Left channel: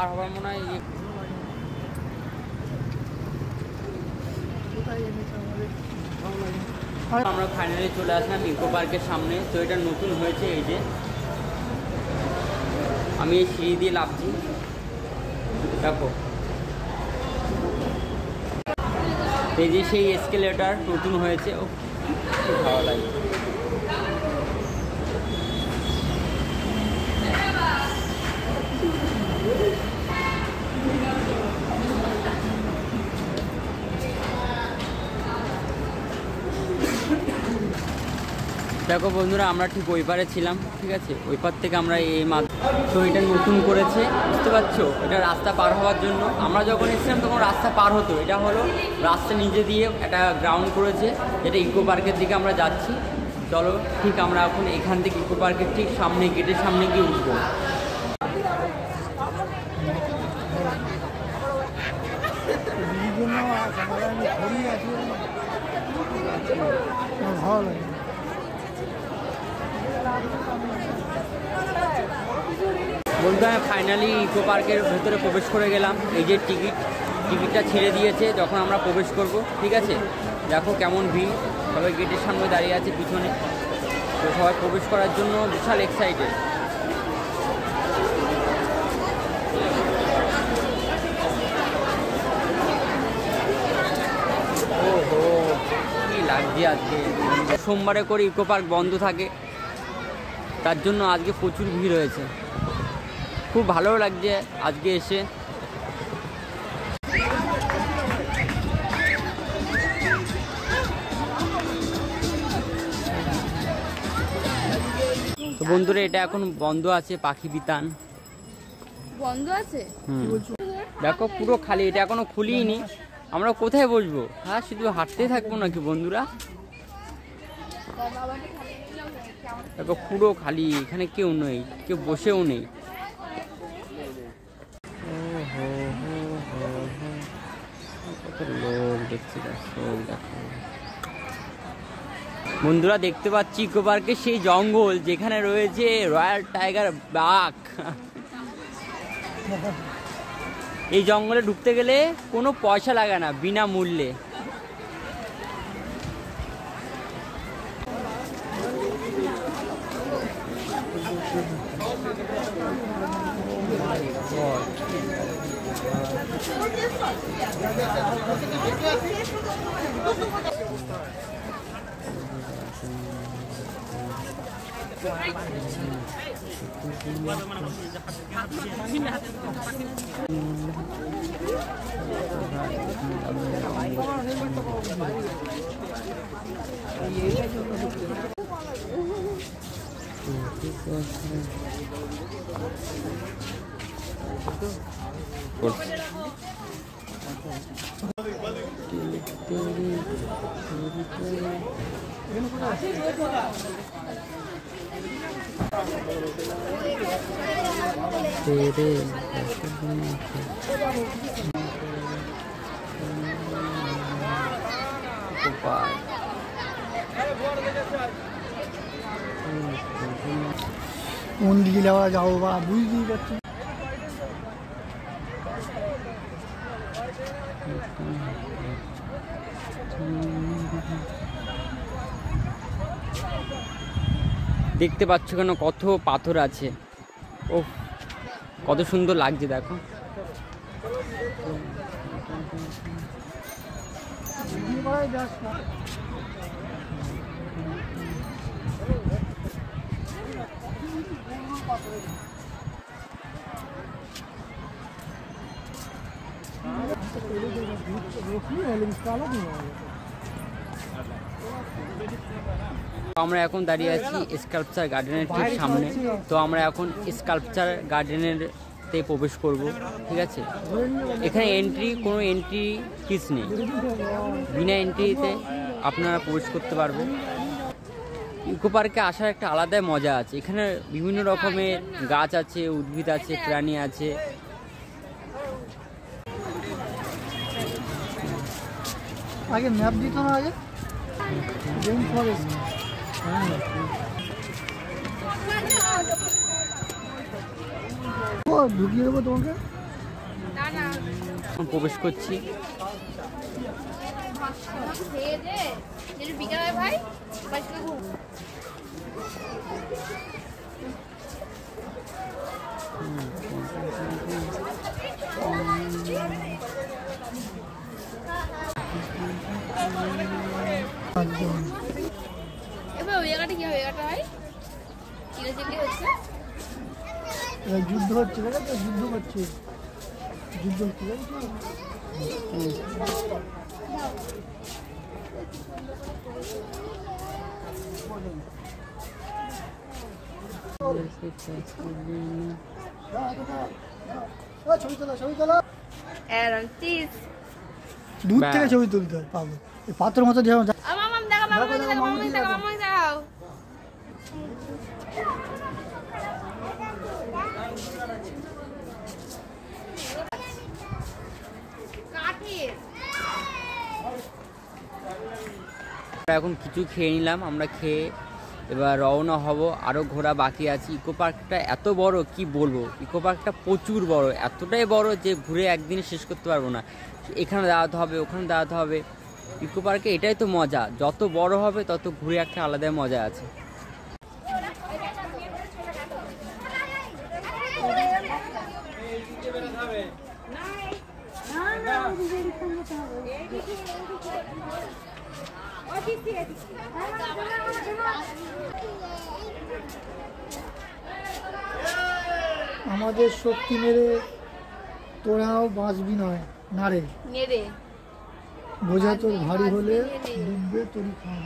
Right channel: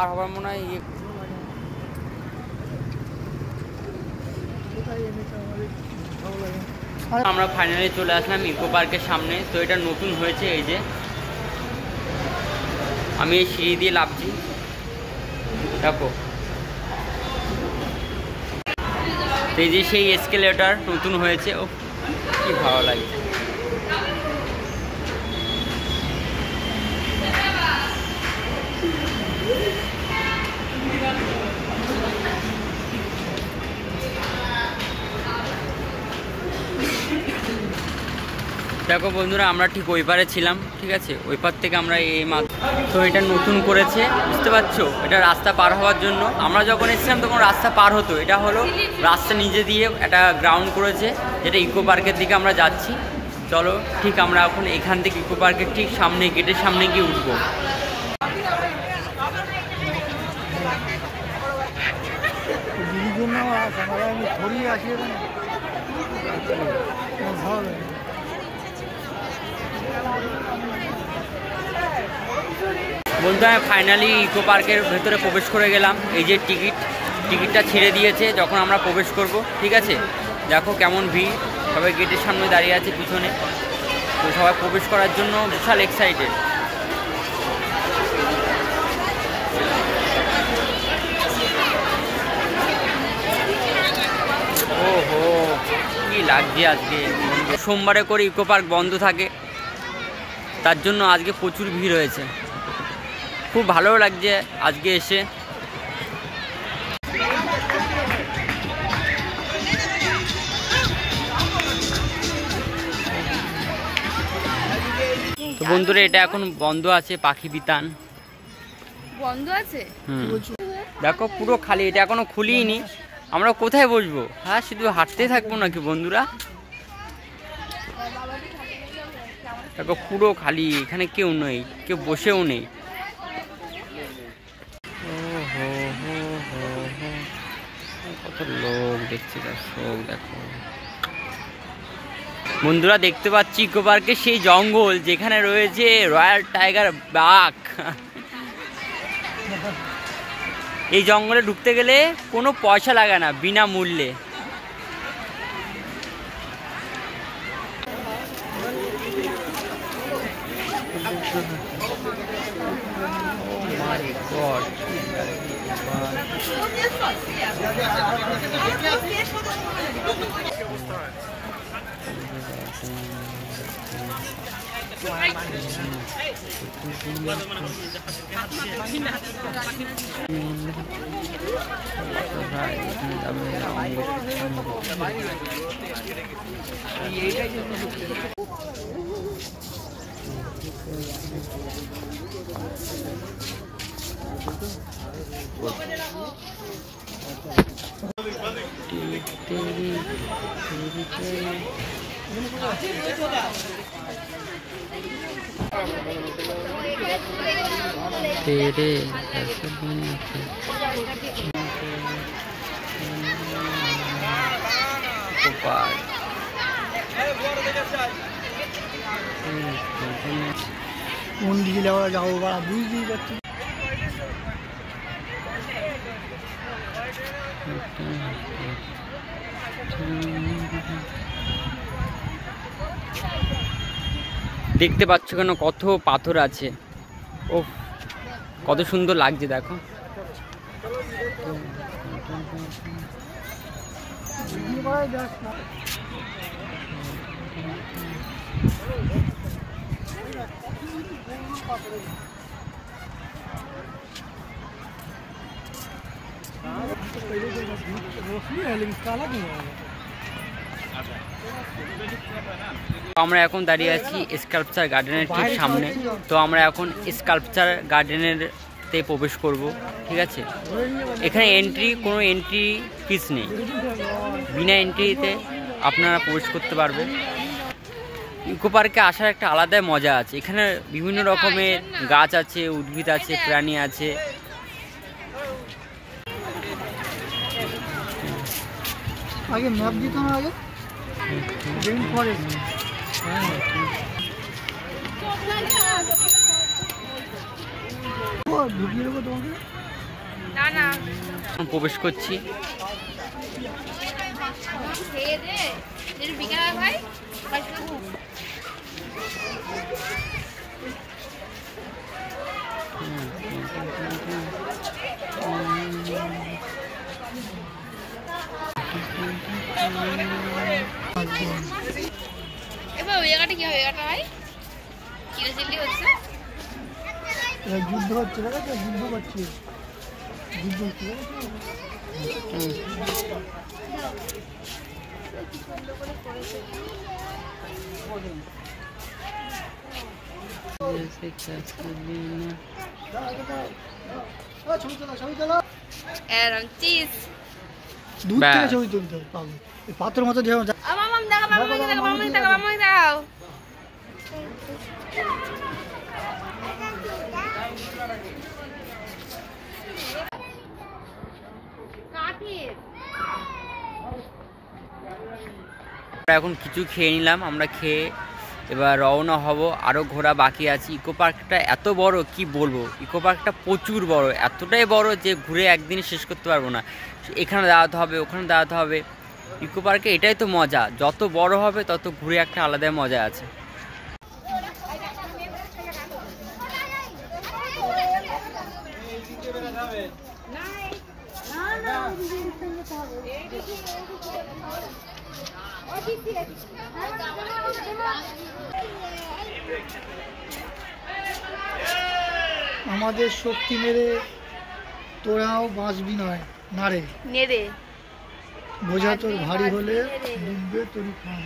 পার হবার মনে হয়। আমরা ফাইনালি চলে আসলাম ইকো পার্কের সামনে। তো এটা নতুন হয়েছে, এই যে আমি এই সিঁড়ি দিয়ে নামছি, দেখো এই যে সেই এসকেলেটর নতুন হয়েছে। ও কি ভালো লাগছে। দেখো বন্ধুরা, আমরা ঠিক ওই পারে ছিলাম, ঠিক আছে, ওই পার থেকে আমরা এই মাত্র। তো এটা নতুন করেছে, বুঝতে পারছো, এটা রাস্তা পার হওয়ার জন্য। আমরা যখন এসেছিলাম তখন রাস্তা পার হতো, এটা হলো রাস্তা নিজে দিয়ে একটা গ্রাউন্ড করেছে, যেটা ইকো পার্কের দিকে আমরা যাচ্ছি। চলো ঠিক আমরা এখন এখান থেকে ইকো পার্কের ঠিক সামনে, গেটের সামনে গিয়ে উঠবো। বন্ধু, আমি ফাইনালি ইকো পার্কের ভেতরে প্রবেশ করে গেলাম। এই যে টিকিটটা ছেড়ে দিয়েছে যখন আমরা প্রবেশ করব, ঠিক আছে। দেখো কেমন ভিড়, সবাই গেটের সামনে দাঁড়িয়ে আছে পিছনে। তো সবাই প্রবেশ করার জন্য বিশাল এক্সাইটেড। ওহো, কি লাগছে আজকে। সোমবারে করে ইকো পার্ক বন্ধ থাকে, তার জন্য আজকে প্রচুর ভিড় হয়েছে। খুব ভালো লাগছে আজকে এসে। তো বন্ধুরা, এটা এখন বন্ধ আছে, পাখি বিতান বন্ধ আছে। দেখো পুরো খালি, এটা এখনো খুলিনি। আমরা কোথায় বসবো? হ্যাঁ, শুধু হাঁটতে থাকবো নাকি বন্ধুরা? দেখো পুরো খালি, এখানে কেউ নেই, কেউ বসেও নেই। কত লোক দেখছি, দর্শক দেখো। বন্ধুরা দেখতে পাচ্ছি ইকো পার্কে সেই জঙ্গল যেখানে রয়েছে রয়্যাল টাইগার বাঘ। এই জঙ্গলে ঢুকতে গেলে কোনো পয়সা লাগে না, বিনামূল্যে। तेरे কোন দিকে যাওয়া যাবো বা বুঝতেই পারছি। দেখতে পাচ্ছ কেন কত পাথর আছে। ও কত সুন্দর লাগছে দেখো। আমরা এখন দাঁড়িয়ে আছি স্কাল্পচার গার্ডেনের ঠিক সামনে। তো আমরা এখন স্কাল্পচার গার্ডেনের তে প্রবেশ করব, ঠিক আছে। এখানে কোনো এন্ট্রি ফিস নেই, বিনা এন্ট্রিতে আপনারা প্রবেশ করতে পারবেন। ইকো পার্কে আসার একটা আলাদাই মজা আছে। এখানে বিভিন্ন রকমের গাছ আছে, উদ্ভিদ আছে, প্রাণী আছে। আগে ম্যাপ দিত না, আগে রেইন ফরেস্ট। ঢুকিয়ে দেবে তোমাকে। না না প্রবেশ করছি। খেয়ে দে বিকালে ভাই এবার ওই জায়গাটা কি হবে জায়গাটা ভাই চিল্লি হচ্ছে যুদ্ধ হচ্ছে যুদ্ধ করছে যুদ্ধ হচ্ছে দূর থেকে ছবি তুলতে হবে পাত্রের মতো যেমন এখন কিছু খেয়ে নিলাম, আমরা খেয়ে এবার রওনা হব। আরও ঘোরা বাকি আছে। ইকো পার্কটা এত বড় কি বলবো, ইকো পার্কটা প্রচুর বড়, এতটাই বড় যে ঘুরে একদিনে শেষ করতে পারবো না। এখানে দাঁড়াতে হবে, ওখানে দাঁড়াতে হবে। ইকো পার্কে এটাই তো মজা, যত বড় হবে তত ঘুরে একটা আলাদা মজা আছে। আমাদের শক্তি মেরে তোরাও বাঁচবি নয় না রে, বোঝা তোর ভারী হলে ডুববে তোরই খান।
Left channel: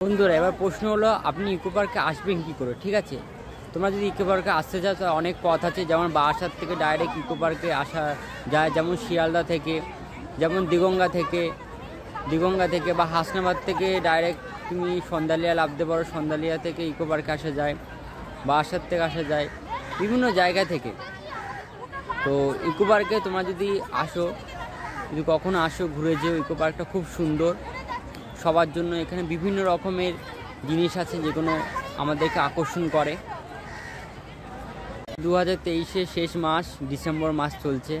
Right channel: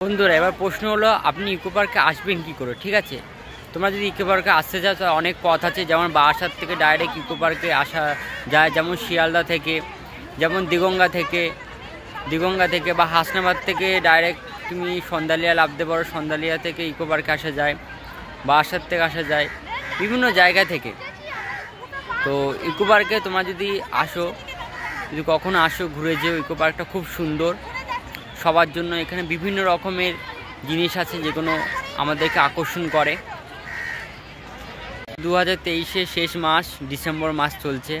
বন্ধুরা, এবার প্রশ্ন হলো আপনি ইকো পার্কে আসবেন কী করে? ঠিক আছে, তোমরা যদি ইকো পার্কে আসতে চাও তো অনেক পথ আছে। যেমন বারাসাত থেকে ডাইরেক্ট ইকো পার্কে আসা যায়, যেমন শিয়ালদা থেকে, যেমন দিগঙ্গা থেকে বা হাসনাবাদ থেকে ডাইরেক্ট তুমি সন্দালিয়া নামতে পারো। সন্দালিয়া থেকে ইকো পার্কে আসা যায়, বারাসাত থেকে আসা যায়, বিভিন্ন জায়গা থেকে। তো ইকো পার্কে তোমরা যদি আসো, যদি কখনো আসো ঘুরে যেও। ইকো পার্কটা খুব সুন্দর সবার জন্য। এখানে বিভিন্ন রকমের জিনিস আছে যেগুলো আমাদেরকে আকর্ষণ করে। 2023 শেষ মাস, ডিসেম্বর মাস চলছে।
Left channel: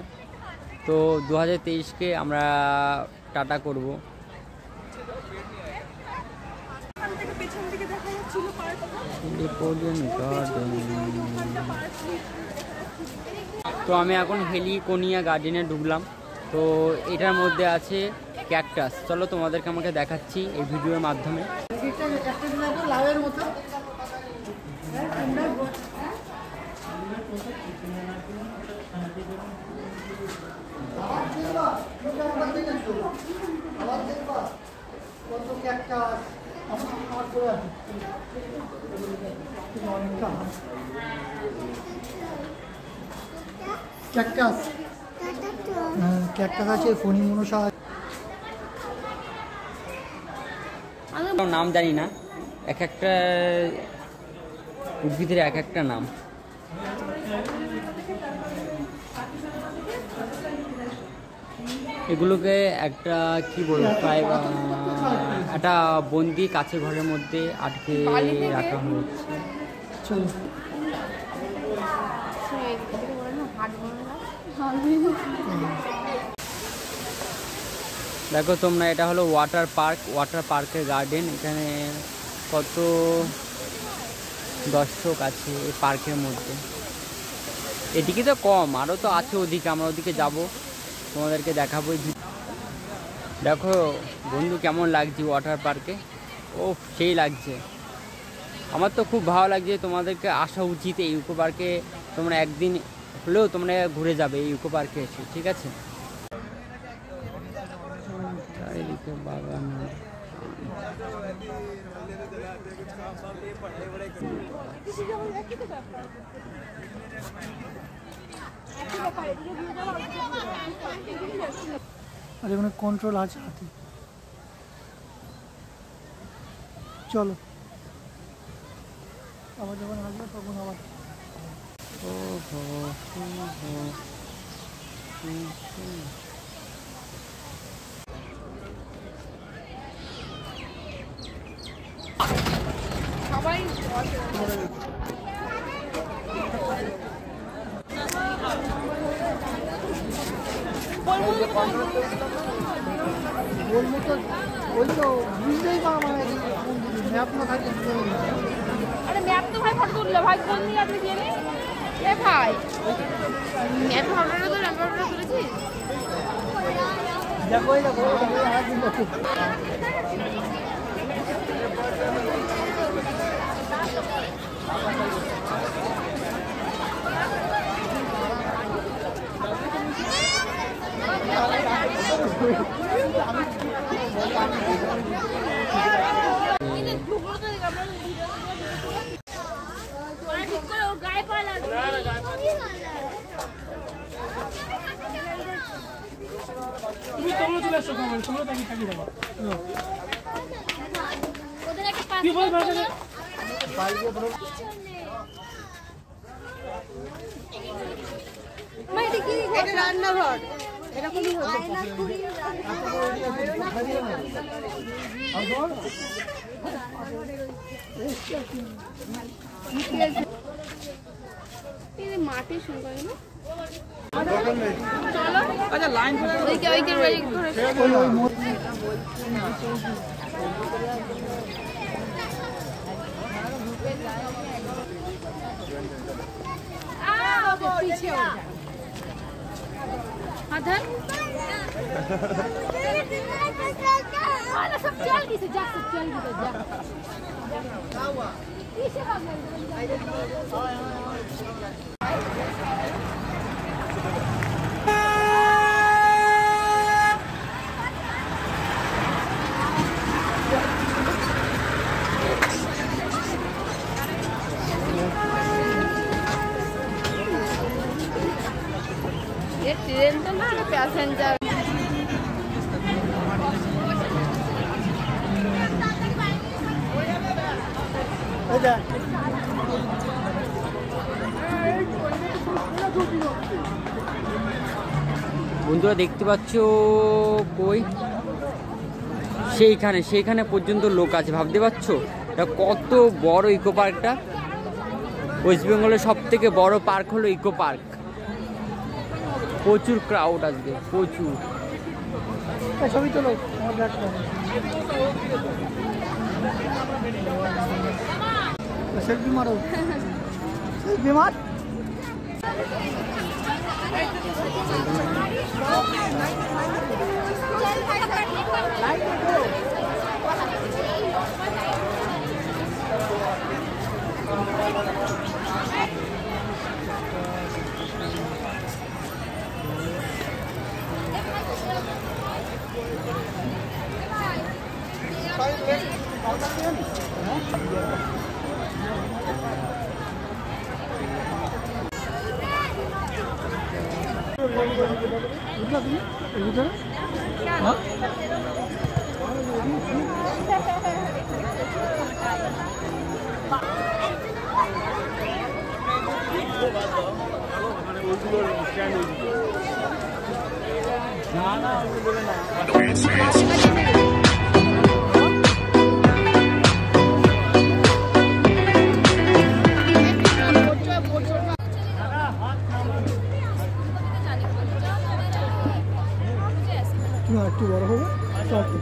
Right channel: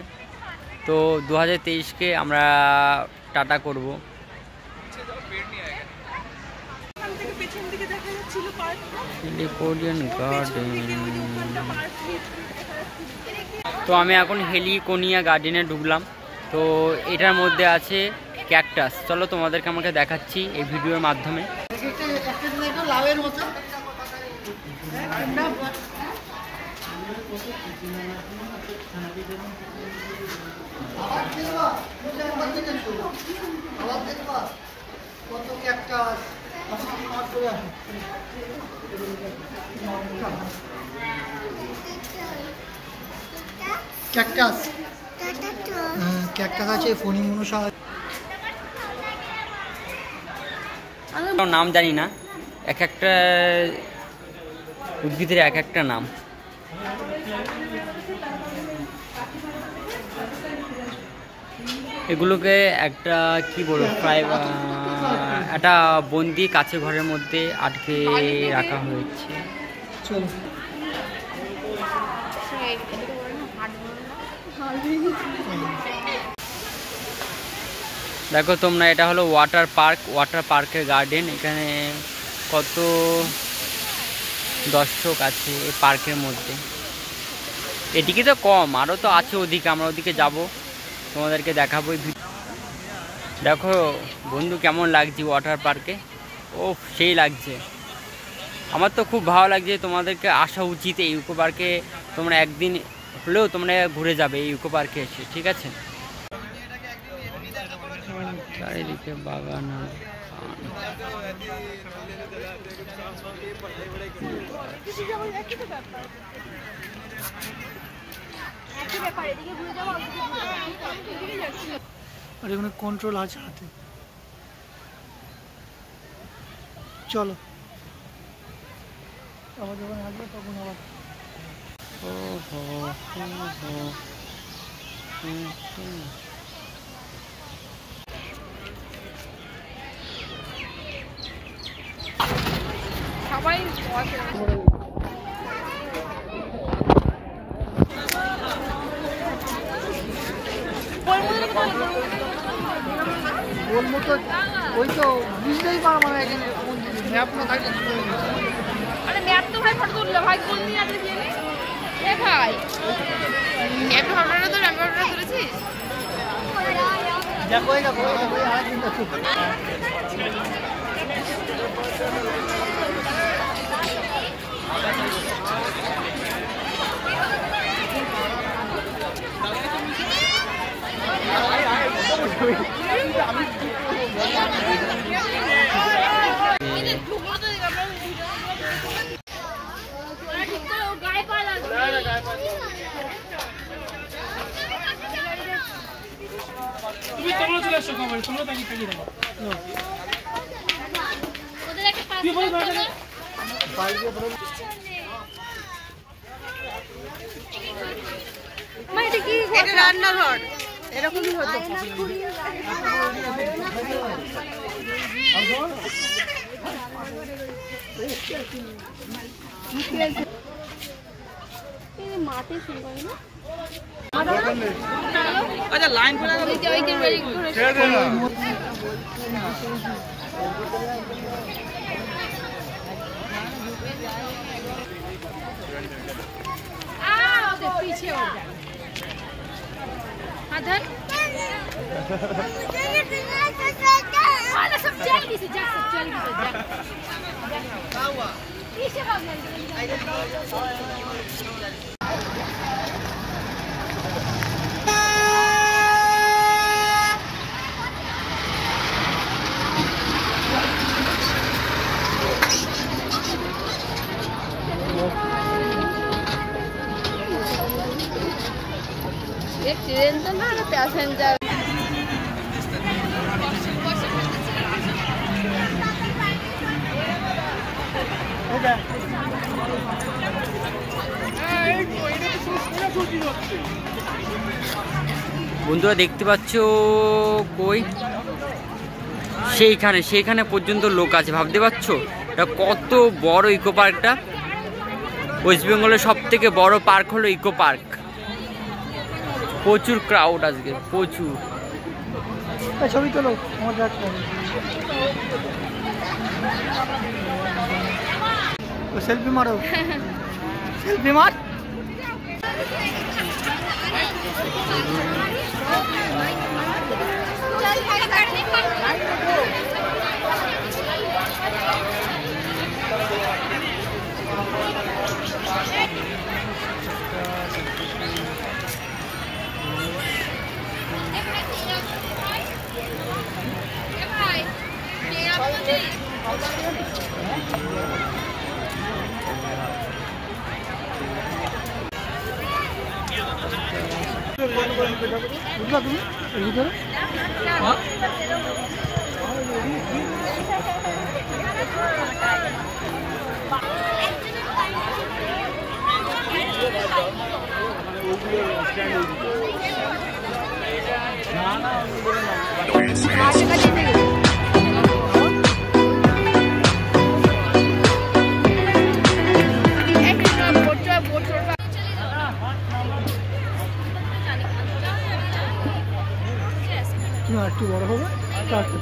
তো 2023কে আমরা টাটা করব। Napoleon garden. তো আমি এখন হেলিকোনিয়া গার্ডেনে ঢুকলাম। তো এটার মধ্যে আছে ক্যাকটাস। চলো তোমাদেরকে আমাকে দেখাচ্ছি এই ভিডিওর মাধ্যমে। ক্যাকটাস, ক্যাকটাস আছে, ফণিমনসা। নাম জানি না, এক একটা উদ্ভিদের এক একটা নাম। এগুলোকে একটা কি বলবো, প্রায় একটা বন্দি কাছে ঘরের মধ্যে আটকে রাখা হয়েছে। দেখো তোমরা, এটা হলো ওয়াটার পার্কের গার্ডেন। এখানে কত দর্শক আছে এই পার্কের মধ্যে। এদিকে তো কম, আরও তো আছে ওদিকে, আমরা ওদিকে যাব, তোমাদেরকে দেখাবো। দেখো বন্ধু কেমন লাগছে ওয়াটার পার্কে। ও সেই লাগছে, আমার তো খুব ভালো লাগছে। তোমাদেরকে আসা উচিত এই ইকো পার্কে, তোমরা একদিন হলেও তোমরা ঘুরে যাবে এই ইকো পার্কে এসে, ঠিক আছে। চারিদিকে বাগান আর আর এখানে কন্ট্রোল আছে হাতে। চলো আবার যখন আসবো তখন আবার। সবাই বলবো তো ওই তো বুঝতেই পারবো না, এখানে কোন ম্যাপ না থাকলে কি করে বুঝবো? আরে ম্যাপ তো ভাই ফটো তুললো ভাই, কোন নিয়ে আগে প্লেনে এ ভাই ম্যাপ ফটোটা তো ম্যাপ ফটোটা তুলেছিস? দেখো এই দেখো এই দেখো আরেকদিন দেখো। তুমি তোমরা চলে আসছো খবর, তোমরা তাকে থাকি দেখো। ওদের একটা কি বল ভাই মানে কি এটা রান্নাঘর এরকমই হতো। মাঠে শুরু করে না আচ্ছা লাইন করে ওইকে पीछे हो जा अधर सब जल्दी से जा, सब जल्दी से जा पीछे भाग एक ट्रेन तो ना पैसेंजर বন্ধুরা দেখতে পাচ্ছ কই সেইখানে পর্যন্ত লোক আছে, ভাবতে পারছো এটা কত বড় ইকো পার্কটা। ওয়েস্ট বেঙ্গলের সব থেকে বড় পার্ক হলো ইকো পার্ক। প্রচুর ক্রাউড আজকে, প্রচুর। ছবি তোলো সেলফি মারো, সেলফি মার।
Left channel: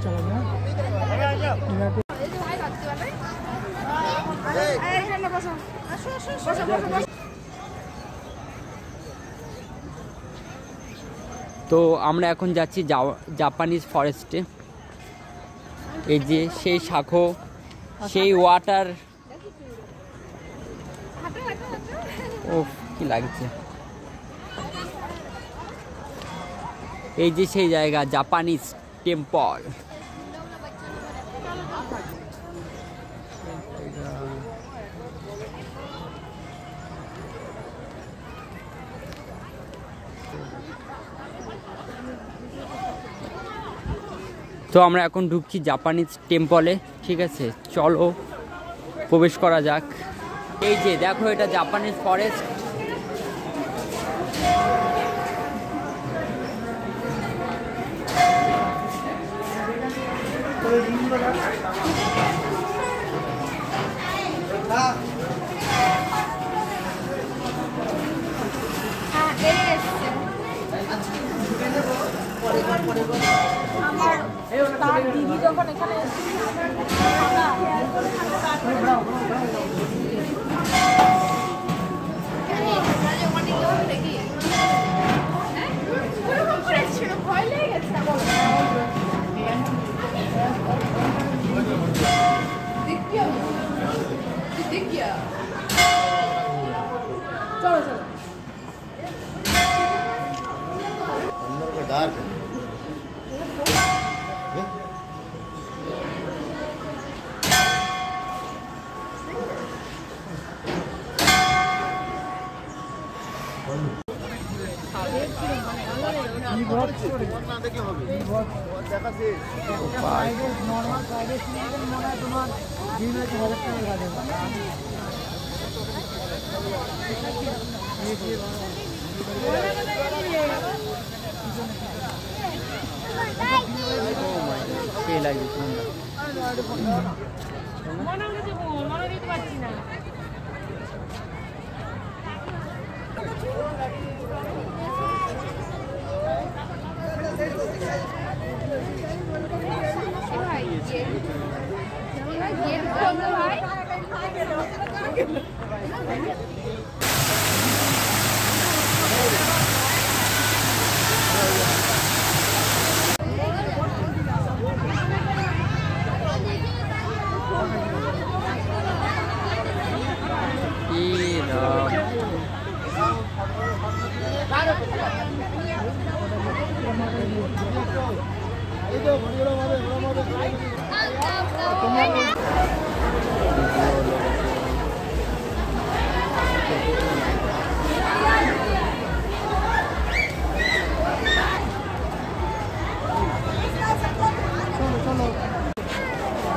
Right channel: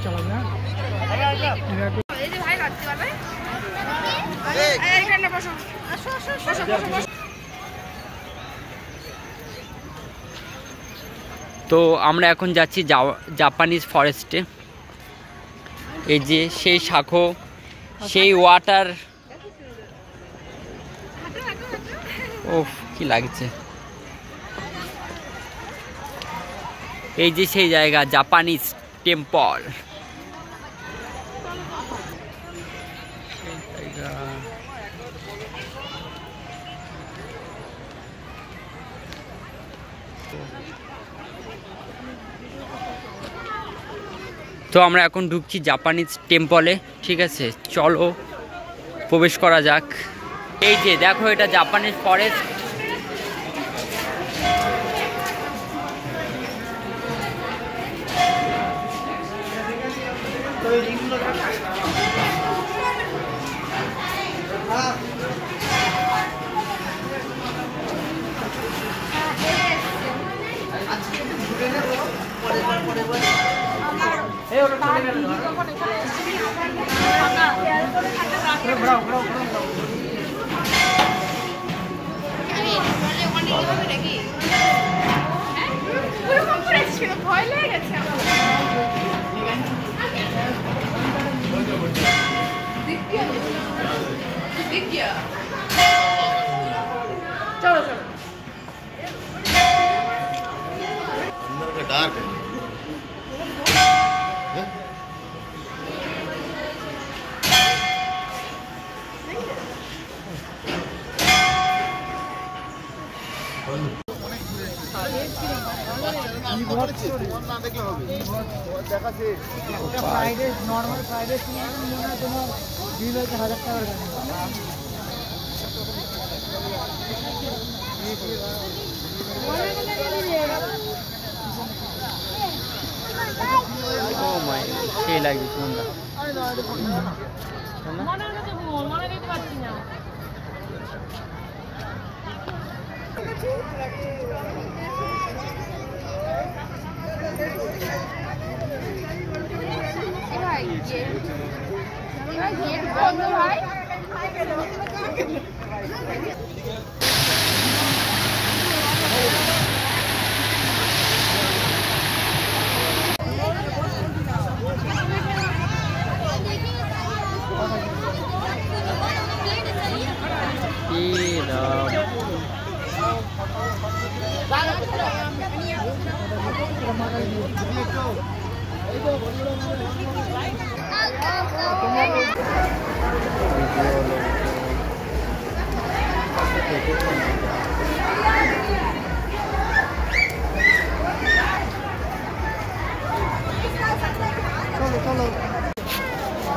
চালাবে হ্যাঁ এই যে ভাই রাখতে পারবে এইখানে বসো আসো আসো বসো বসো। তো আমরা এখন যাচ্ছি জাপানিজ ফরেস্টে। এই যে সেই শাখো, সেই ওয়াটার, ওফ কি লাগছে। এই যে সেই জায়গা জাপানিজ টেম্পল। তো আমরা এখন ঢুকছি জাপানিজ টেম্পলে, ঠিক আছে, চলো প্রবেশ করা যাক। এই যে দেখো এটা Japanese forest. Dark normal private cinema মনে হয় তোমার বিল হচ্ছে 1000 টাকার গাড়ি। সেই লাগবে কোনটা? মনে দিতে পারছি না। ভাই গেট বন্ধ ভাই।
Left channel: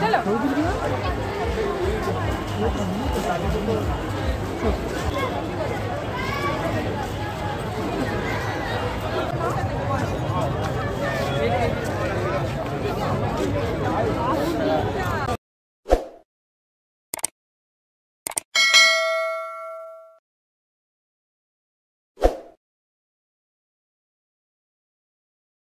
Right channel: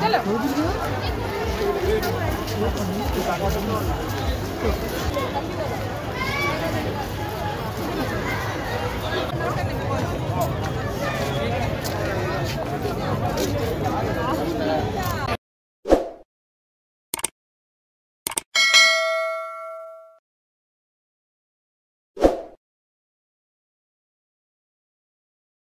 চলো